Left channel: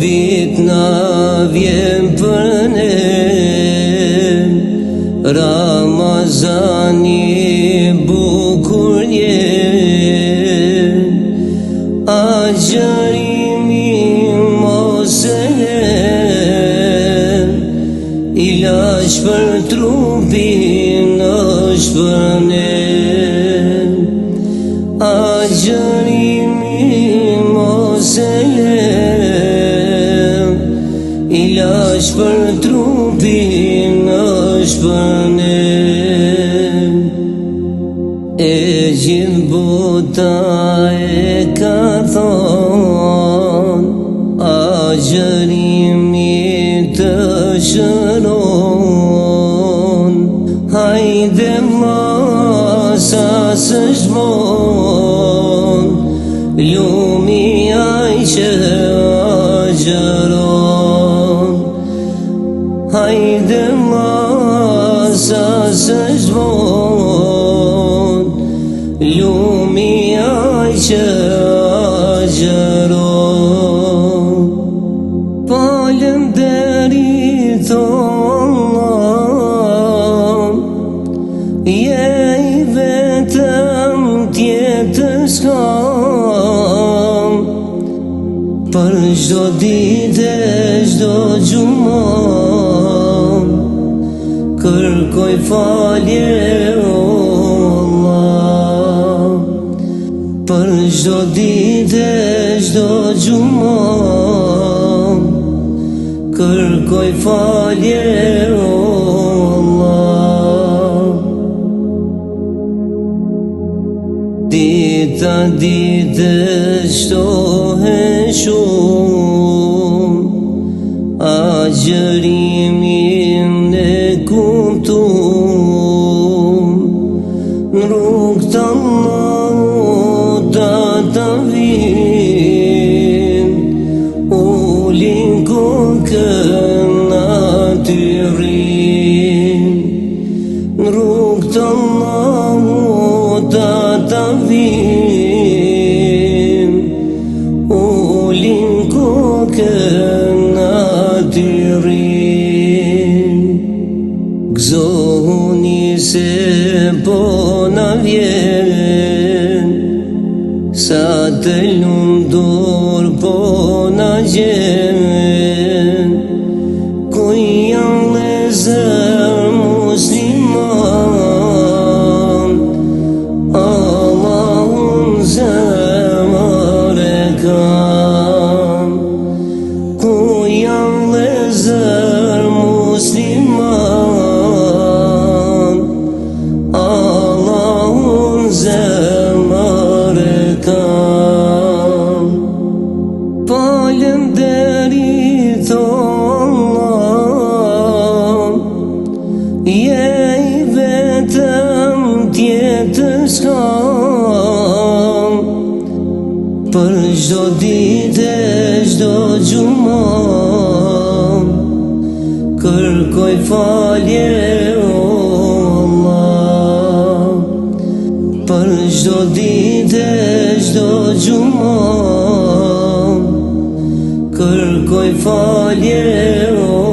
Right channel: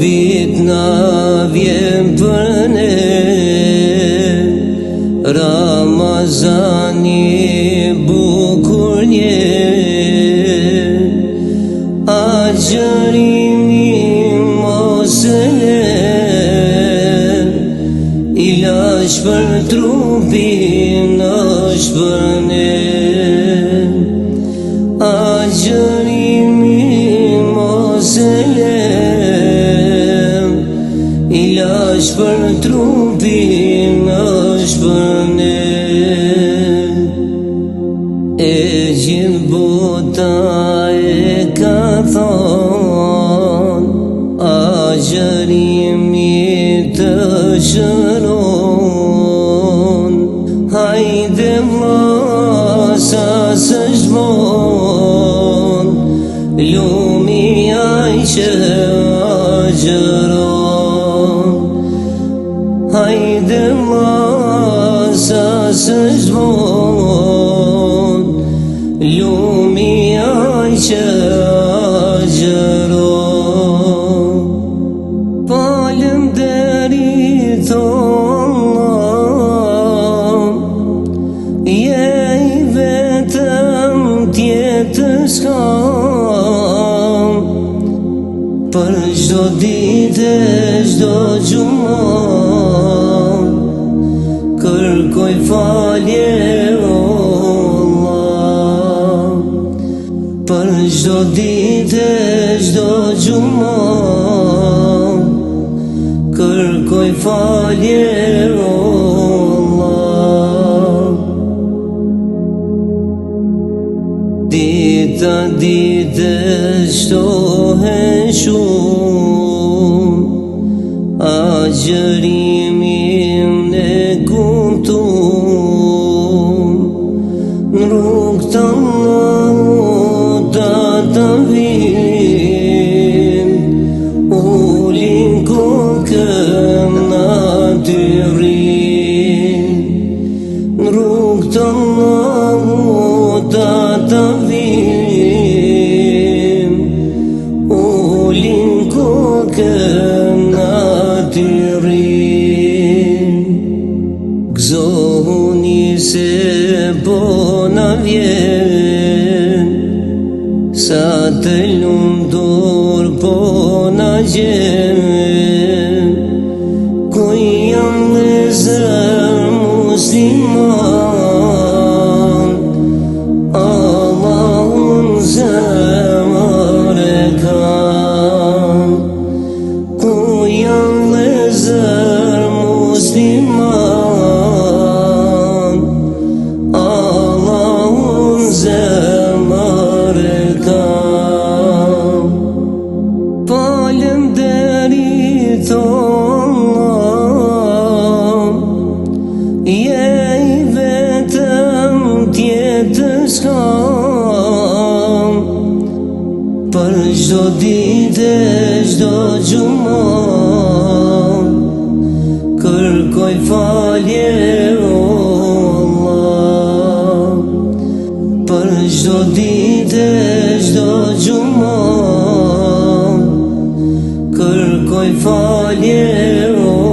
vit na vjen për ne, Ramazani bukur njen, agjërimi mos e len, ilaç për trupin është për ne. Agjërimi mos e len, ilaç për trupin është për ne. E gjithë bota e ka thonë, agjërimi të shëron. Hajde vlla sa s'është von, lumi ai që agjeron. Hajde vlla sa s'është von, lumi ai që agjeron. Falenderit Allah, je i vetëm tjetër s'kam, për çdo ditë e çdo xhumë kërkoj falje o Allah. Për çdo ditë e çdo xhumë kërkoj falje o Allah. Dita ditë shtohen shumë, agjërimin e kumtum, në rrugë të Allahut ata vijnë, ulin kokën aty rrin. Në rrugë të Allahut ata vijnë, ulin kokën aty rrin. Gëzohuni se po na vjen, sa të lumtur po na gjen. Ku janë vëllezër musliman, Allahun zemër e kam. Ku janë vëllezër musliman, Allahun zemër e kam. Falenderit Allah, je i vetëm tjetër s'kam, për çdo ditë e çdo xhumë kërkoj falje o Allah. Për çdo ditë e çdo xhumë kërkoj falje o